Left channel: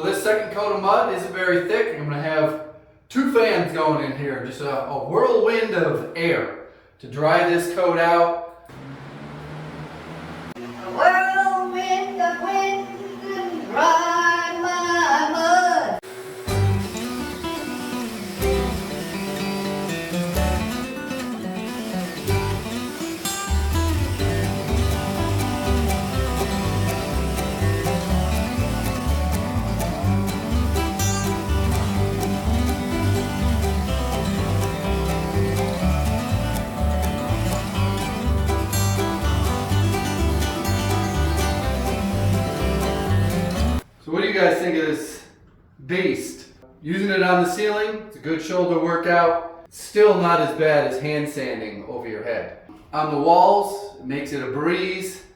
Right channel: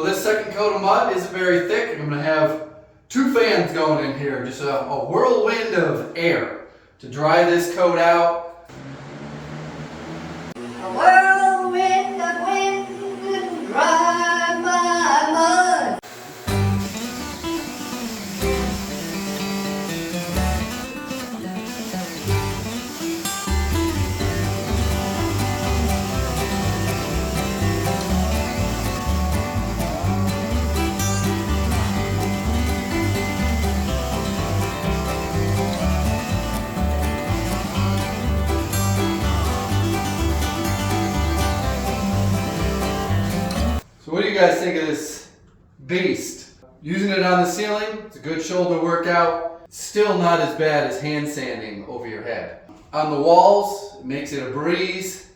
So this second coat of mud isn't very thick. I'm going to have 2 fans going in here, just a whirlwind of air to dry this coat out. A whirlwind of wind and dry my mud. So what do you guys think of this beast? Using it on the ceiling, it's a good shoulder workout. Still not as bad as hand sanding over your head. On the walls, it makes it a breeze.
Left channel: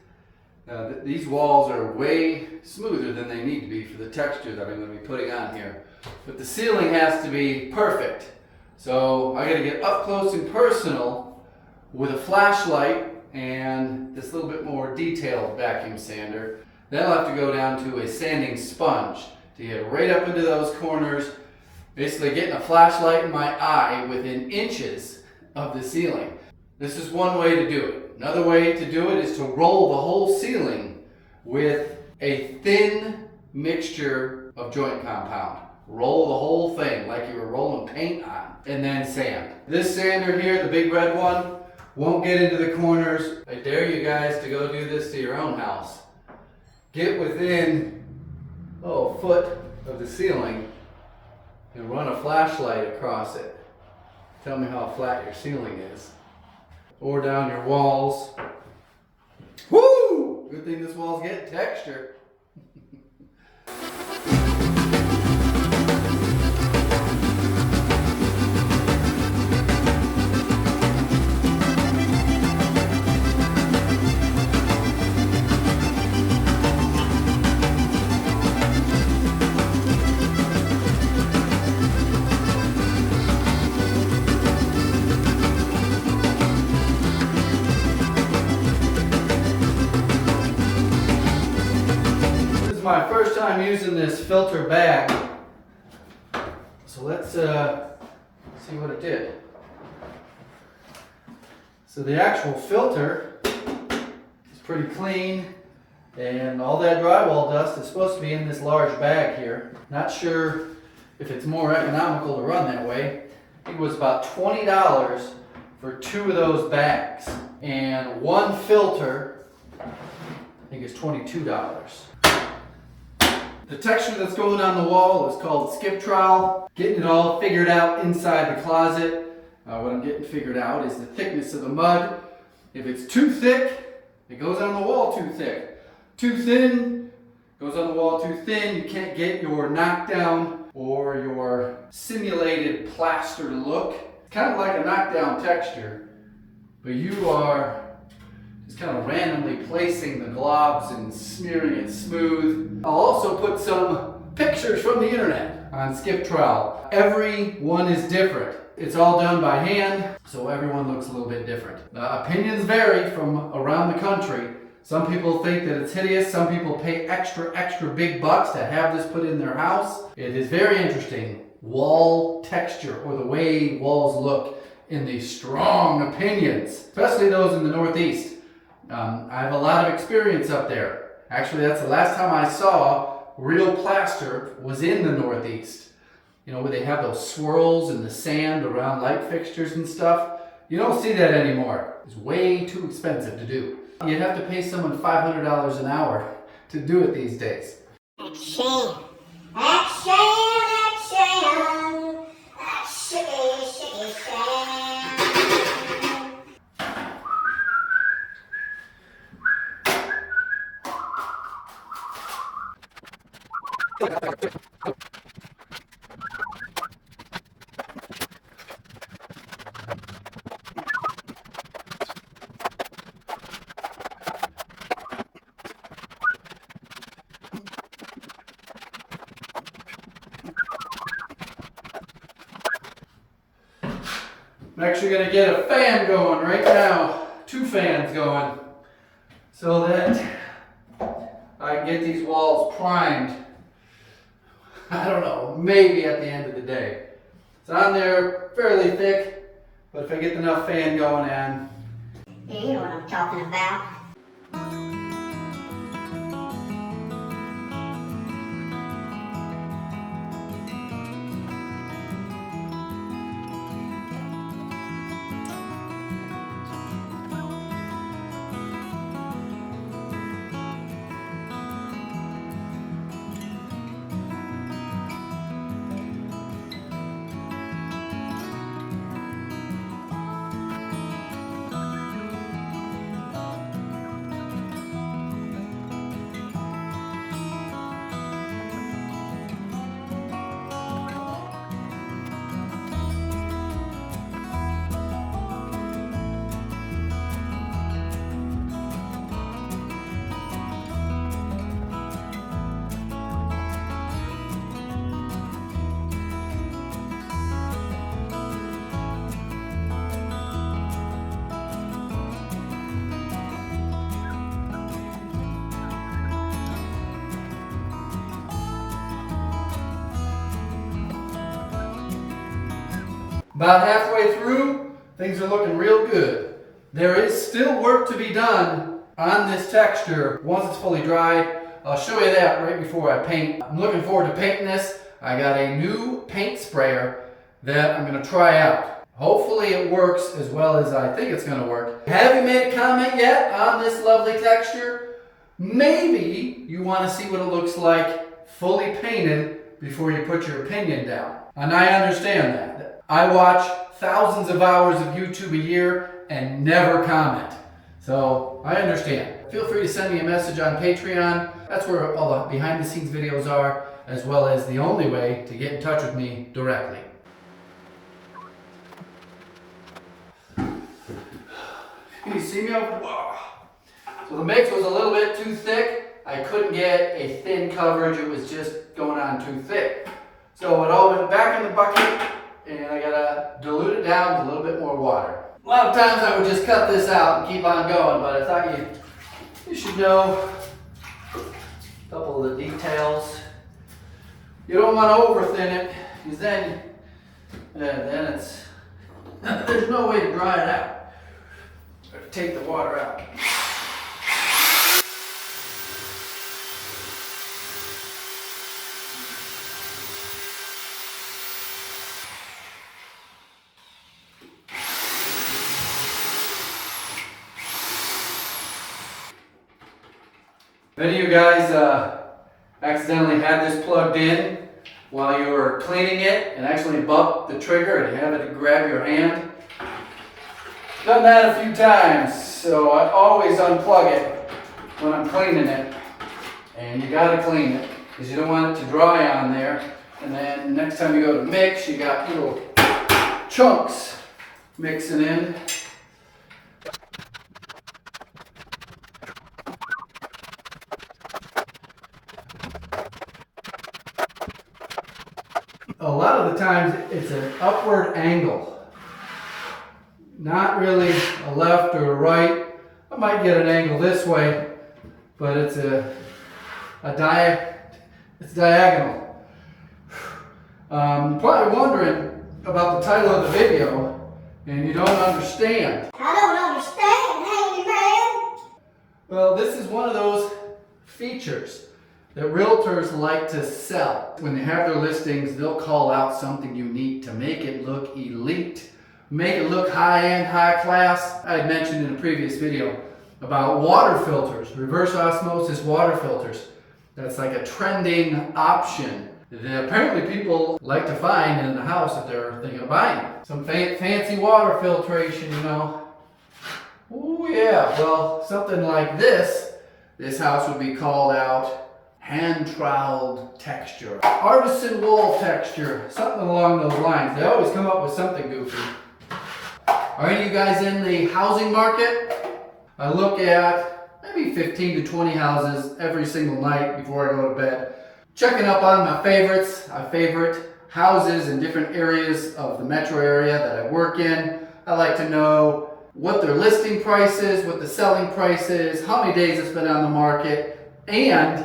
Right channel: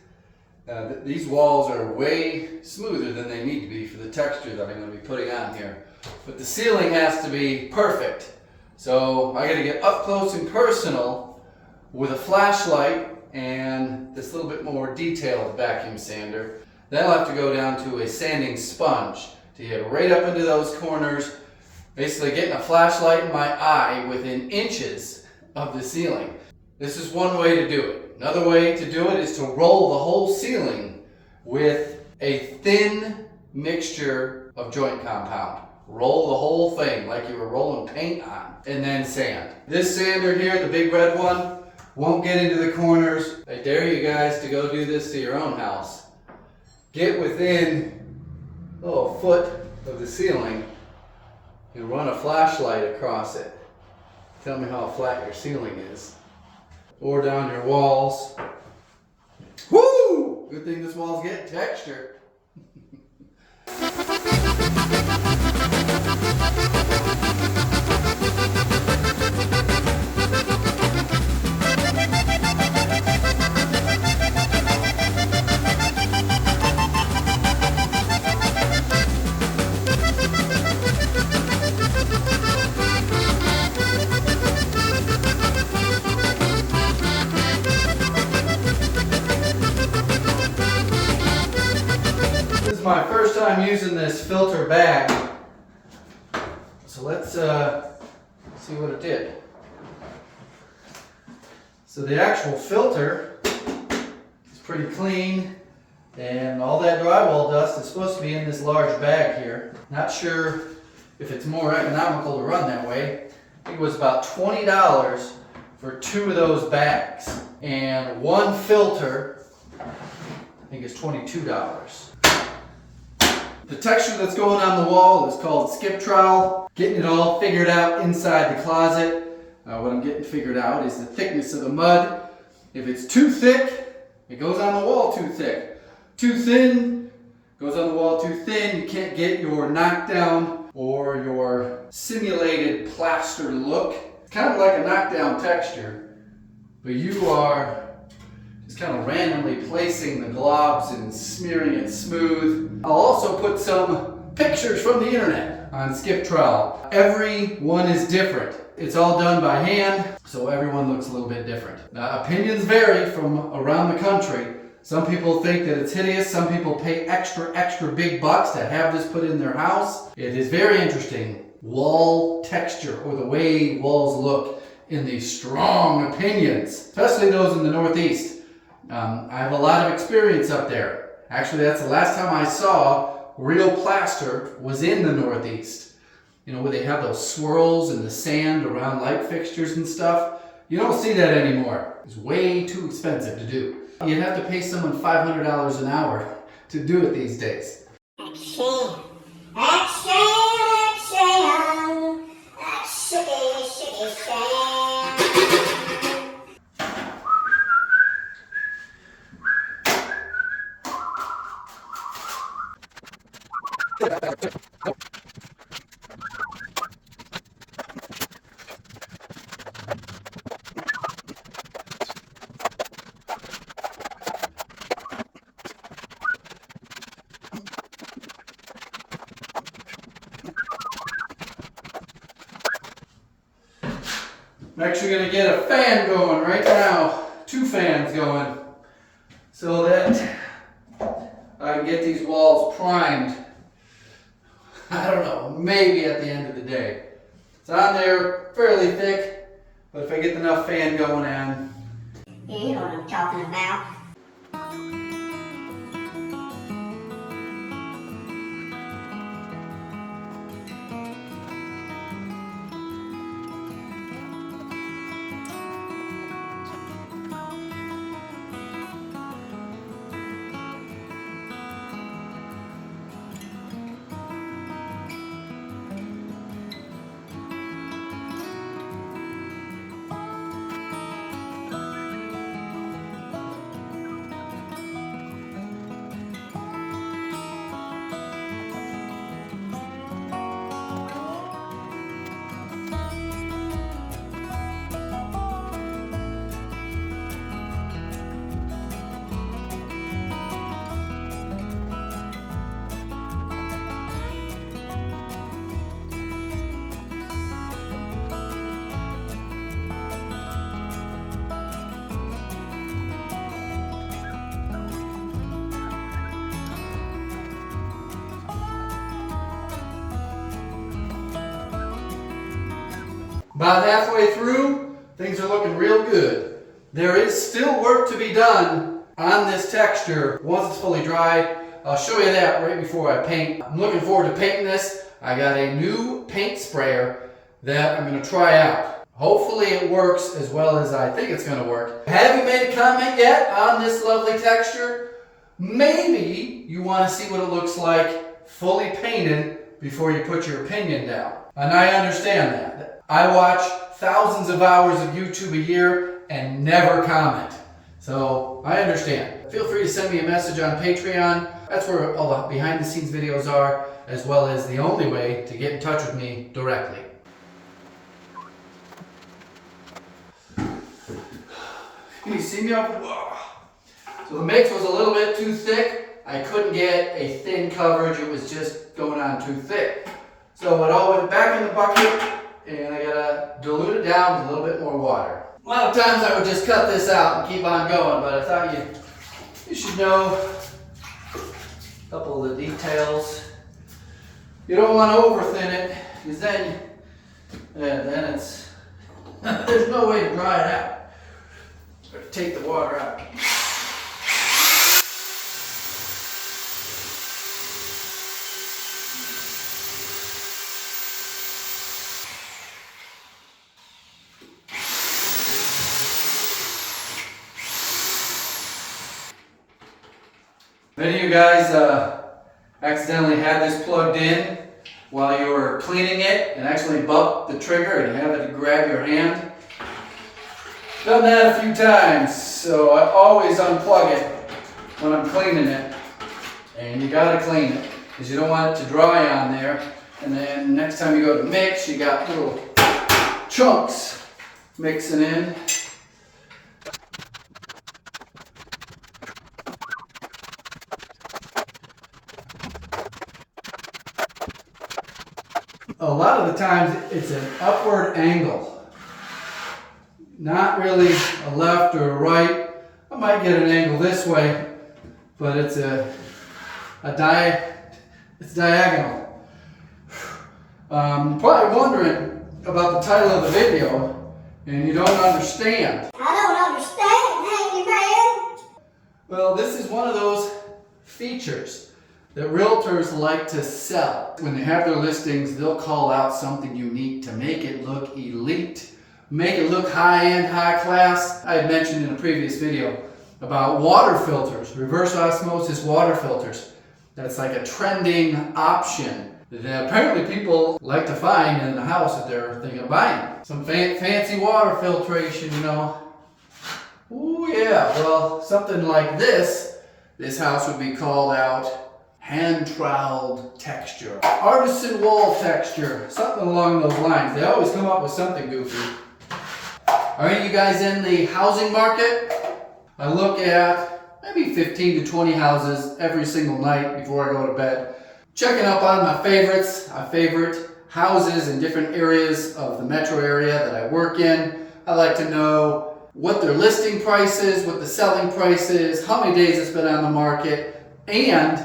These walls are way smoother than they need to be for the texture that I'm going to be putting on here. But the ceiling has to be perfect. So I got to get up close and personal with a flashlight and this little bit more detailed vacuum sander. Then I'll have to go down to a sanding sponge to get right up into those corners, basically getting a flashlight in my eye within inches of the ceiling. This is one way to do it. Another way to do it is to roll the whole ceiling with a thin mixture of joint compound. Roll the whole thing like you were rolling paint on, and then sand. This sander here, the big red one, won't get into the corners. I dare you guys to go do this to your own house. Get within a foot of the ceiling and run a flashlight across it. Tell me how flat your ceiling is. Or down your walls. Woo! Good thing this wall's getting texture. My first time using this filter bag, so let's see what it did. So the actual filter is pretty clean, and all that drywall dust is supposed to be in this large bag here. Not sure if it's more economical to run that way. I think it was about $20 for 2 of those bags, and one filter I think it's $22. The texture that's going on the wall is called skip trowel. Getting it all figured out inside the closet. What I'm getting figured out is the thickness of the mud. If it's too thick, it goes on the wall too thick. Too thin, goes on the wall too thin. You can't get your knockdown or your simulated plaster look. It's kind of like a knockdown texture, but you are just kind of randomly placing the globs and smearing it smooth. I'll also put some pictures from the internet on skip trowel. Every one is different. It's all done by hand, so everyone looks a little bit different. Opinions vary from around the country. Some people think that it's hideous. Some people pay extra big bucks to have this put in their house. It is very interesting. Wall texture, or the way walls look in these strong opinions, especially those in the Northeast. I have a lot of experience up there. Actually, that's the last time I saw real plaster was in the Northeast. You know, where they have those swirls in the sand around light fixtures and stuff. You don't see that anymore. It's way too expensive to do. You'd have to pay someone $500 an hour to do it these days. I'm actually going to get a fan going right now, 2 fans going, so that I can get these walls primed I don't know, maybe at the end of the day. It's on there fairly thick, but if I get enough fan going in. Yeah, you know what I'm talking about. About halfway through, things are looking real good. There is still work to be done on this texture once it's fully dry. I'll show you that right before I paint. I'm looking forward to painting this. I got a new paint sprayer that I'm going to try out. Hopefully it works as well as I think it's going to work. Have you made a comment yet on this lovely texture? Maybe you want to see what it looks like fully painted before you put your opinion down. And I understand that. I watch thousands of hours of YouTube a year and never comment. So I understand. Feel free to send me a message on Patreon. That's where all the behind the scenes videos are, as well as the only way to get in touch with me directly. Can you see me over? Whoa. So the mix was a little bit too thick. I couldn't get a thin coverage. It was just going on too thick. So it all went back in the bucket, and I gotta dilute it down with a little bit more water. A lot of times I would just cut this out and keep on going, but I thought you should know a couple of the details. You don't want to over-thin it, because then it's there's no way to dry it out. Take the water out. If any of you guys accidentally had this plugged in while you were cleaning it and actually bumped the trigger and have it grab your hand, done that a few times, so I always unplug it when I'm cleaning it. And you gotta clean it, because you don't want it to dry on there. And then next time you go to mix, you got little chunks mixing in. A lot of the times it's an upward angle, not really a left or a right. I might get an angle this way, but it's diagonal. Probably wondering about the title of the video, and you don't understand. I don't understand, Handyman. Well, this is one of those features that realtors like to sell. When they have their listings, they'll call out something unique to make it look elite, make it look high-end, high class. I had mentioned in a previous video about water filters, reverse osmosis water filters. That's like a trending option that apparently people like to find in the house that they're thinking of buying. Some fancy water filtration, you know. Oh yeah, well, something like this house would be called out hand troweled texture, artisan wall texture, something along those lines. They always come up with something goofy. Are any of you guys in the housing market? I look at maybe 15 to 20 houses every single night before I go to bed, checking up on my favorites. I favorite houses in different areas of the metro area that I work in. I like to know what their listing price is, what the selling price is, how many days it's been on the market, and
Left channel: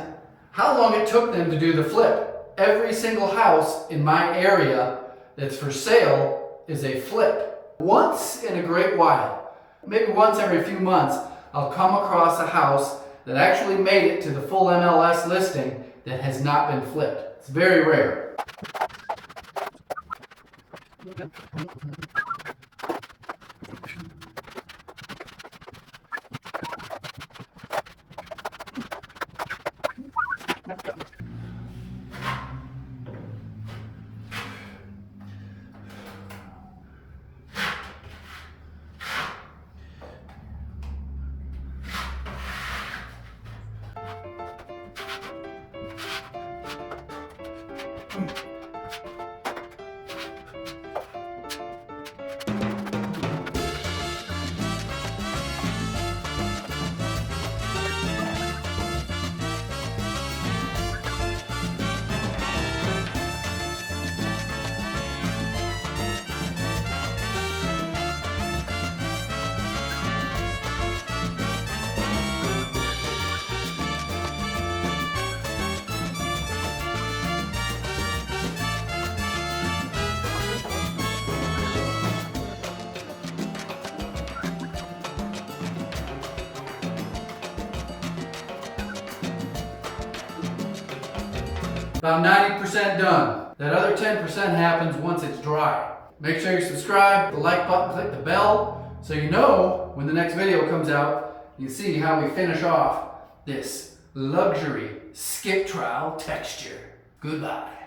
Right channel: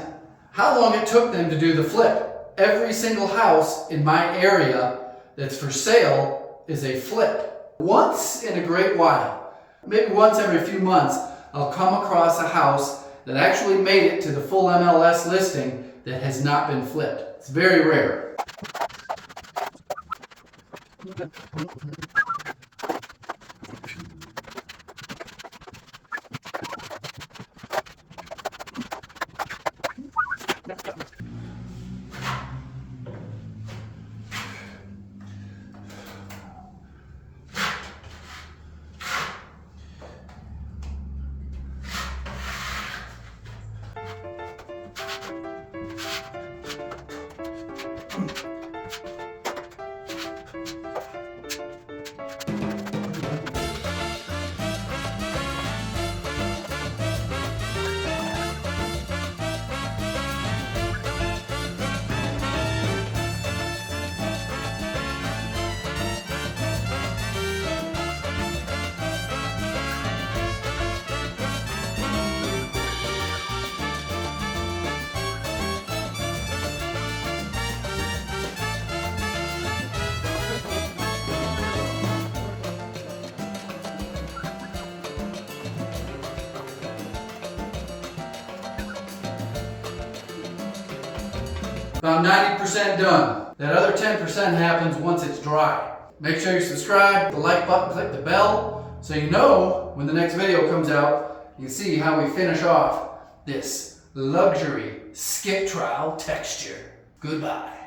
how long it took them to do the flip. every single house in my area that's for sale is a flip. Once in a great while, maybe once every few months, I'll come across a house that actually made it to the full MLS listing that has not been flipped. It's very rare. About 90% done. That other 10% happens once it's dry. Make sure you subscribe, the like button, click the bell, so you know when the next video comes out, you see how we finish off this luxury skip trowel texture. Goodbye.